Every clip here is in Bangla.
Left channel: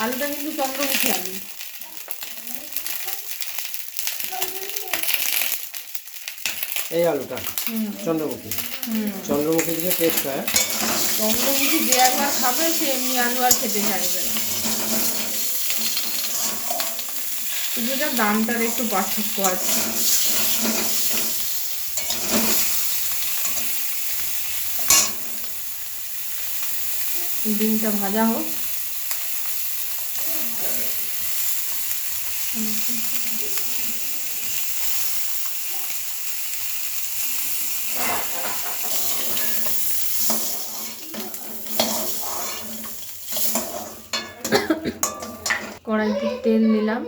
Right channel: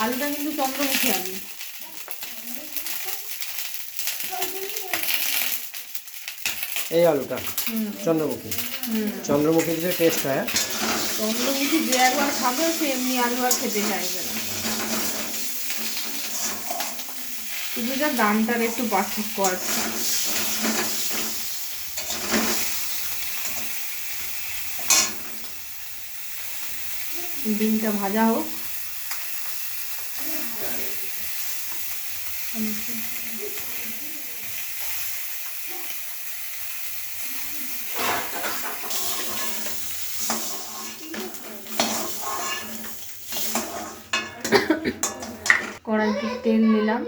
আলুটা কিন্তু চন্দ্রমুখী আলু। এই আলুটা চন্দ্রমুখী। চন্দ্রমুখী দিলে টেস্ট হয়। চন্দ্রমুখী যে একবার খাবে সে এমনি আলু আর খেতে চাইবে না। শুধু যা দামটার একটু পার্থক্য আছে। ডিমটা ভাজা হোক। কড়াইতে তেল দিলাম।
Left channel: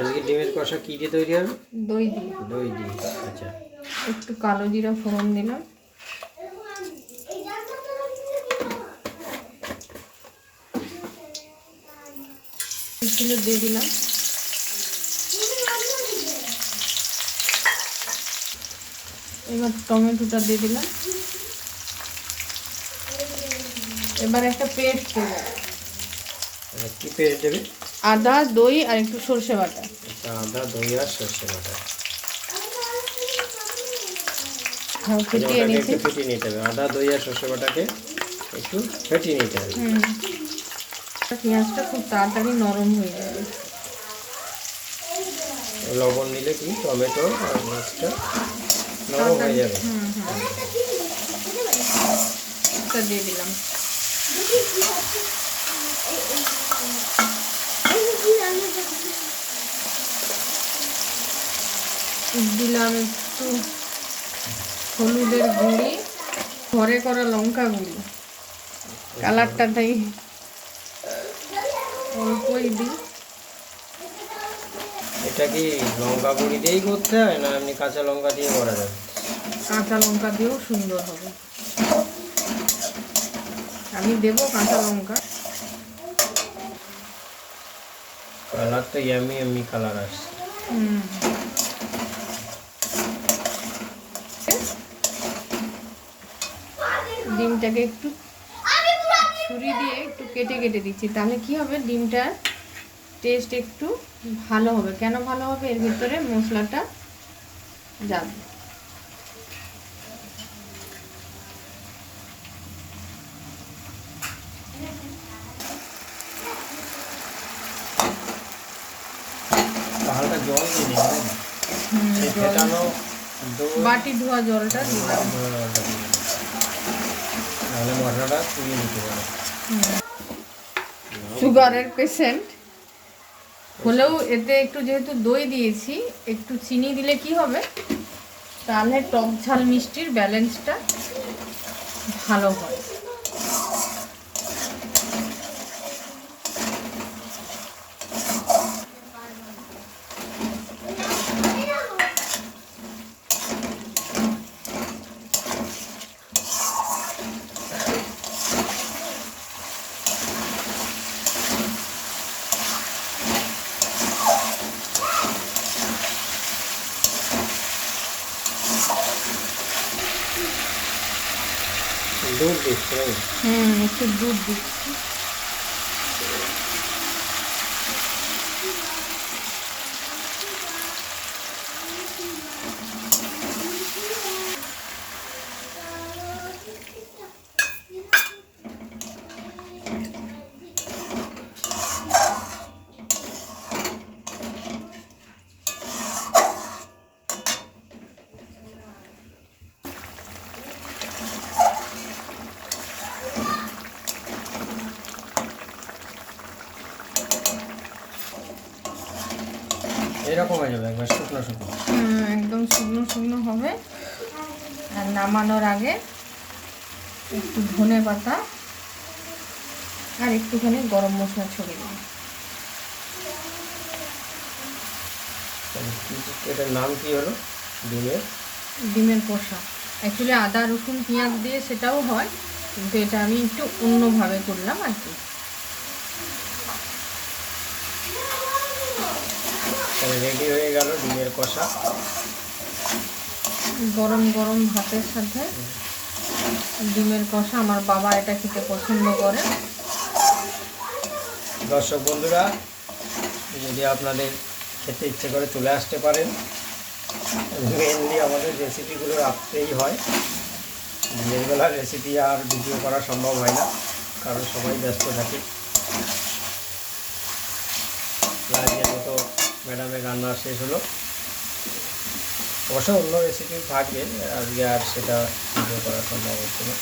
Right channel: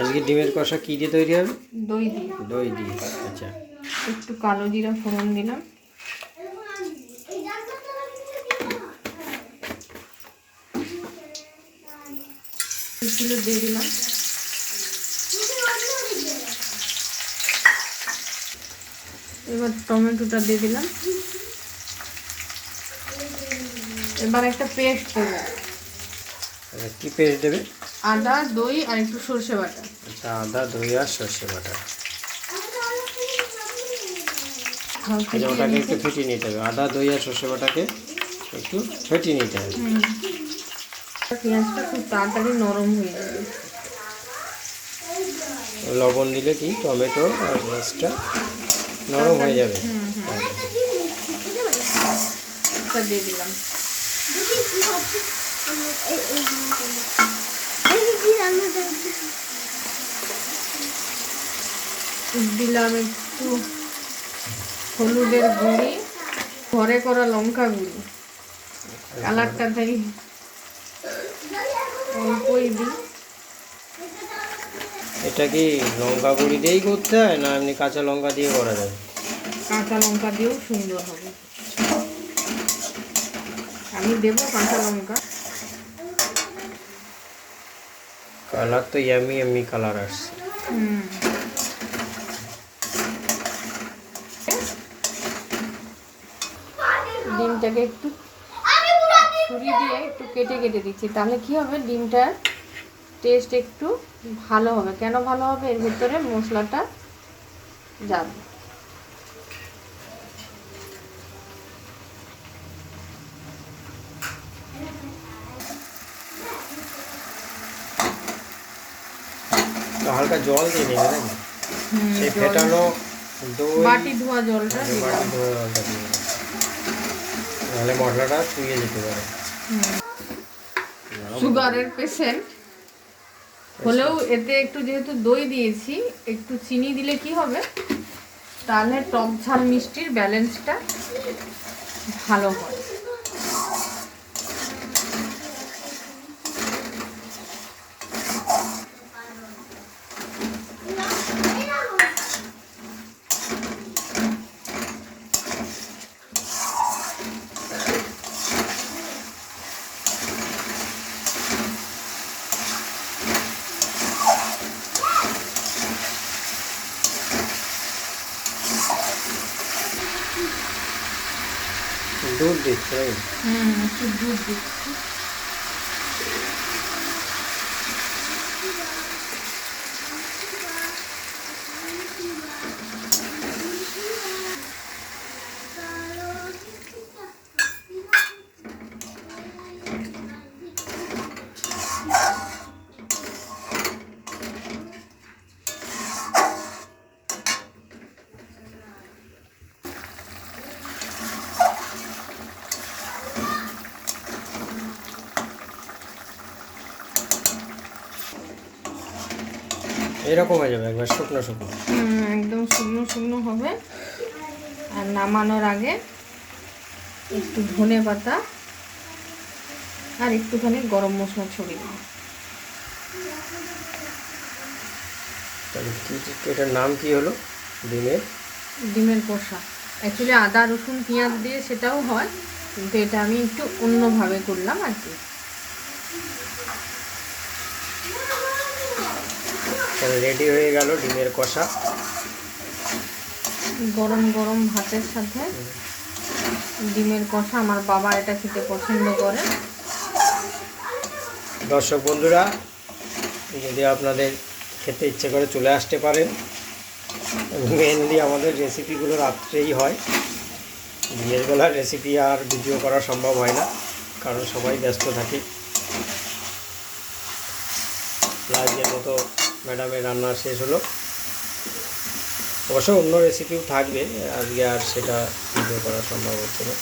আজকে ডিমের কষা কি দিয়ে তৈরি হবে? দই দিয়ে। দই দিয়ে। আচ্ছা, একটু কালো জিরা ফোড়ন দিলাম। দিয়ে দিলাম। এবার টমেটোটা দিয়ে দিলাম। এবার একটা পেস্ট দেবো। কি পেস্ট দেবে? আদা, দই আর একটু সরষে বাটা। আচ্ছা, আদা, দই আর সরষে বাটা। ওটাকে একটু ফেটিয়ে নিতে হবে। আদা, দই আর সরষে বাটাকে একটু ফেটিয়ে নিতে হবে। পেঁয়াজটা খুব তাড়াতাড়ি নরম হয়ে যাবে। লবণ দিলে কি টমেটো আর মাছটা নরম হয়ে যাবে। দিয়ে দিলাম। দিলাম একটু হলুদের গুঁড়ি, ঘরে করা লঙ্কা গুঁড়ি। কালারটা তাই অল্পই দিই। এটা কি লঙ্কা গুঁড়ি দিয়েই করতে হয় না এমনি কাঁচা লঙ্কা দিয়ে করা যায়? কাঁচা লঙ্কা দিয়েও সুন্দর হবে। আমি দেবো কাঁচা লঙ্কা। কালার তো ইয়ামি ইয়ামি কালার আসছে। ডিমটাকে একটু ছুরি দিয়ে একটু কেটে কেটে দিচ্ছি, তাহলে কি হবে ডিমটার টেস্ট একটু ভালো হবে। কেন ভালো হবে? এর ভিতরে মশলাটা যাবে। হালকা জল দিয়ে নেবেন। সেই ফেটানো বাটি ধোয়া জলটা দিলাম। নাহলে মশলাটা চুইয়ে নিতে পারে। সুগারের পেশেন্ট হলেও এতে একটু যেহেতু দই দিয়েছি, একটু চিনি দিলে কি হবে, তাহলে টক ঝাল মিষ্টির ব্যালেন্সটা ভালো হয়। দুধ দিচ্ছে। একটু দুধ দিচ্ছি। এরকম হয়ে যাবে একবার শুকনো শুকনো। একদম শুকনো শুকনো হবে। আর নামানোর আগে একটু ধনে পাতা আর একটুখানি গরম মশলা ছড়িয়ে দেবো। এটার নাম কি হলো? ডিমের কষা। অ্যাকচুয়ালি আদা রসুন পেঁয়াজ দিয়ে সেটাও হয়, কিন্তু এটা আমি একটু অন্যভাবে করলাম আর কি। এখানে রেডি হয়ে গেল ডিমের কষা। গরম গরম ভাতের সাথে ডিমের কষা, আমার বাবা এটা খেতে পছন্দ করে। দর্শক বন্ধুরা, যদি আপনাদের খেতে ইচ্ছে করে চলে আসতে পারেন। মেনলি আমাদের রেসিপিগুলো রাত্রেই হয়, দিনের বেলার রেসিপি আর ভিডিও করা সম্ভব হয় না, কারণ সবাই ব্যস্ত থাকে। আজকের মতো ম্যাডামের রান্না শেষ হলো। অবশ্য অন্য রেসিপি থাকবে, আজকে আর সেটা ভিডিও করা সম্ভব হচ্ছে না।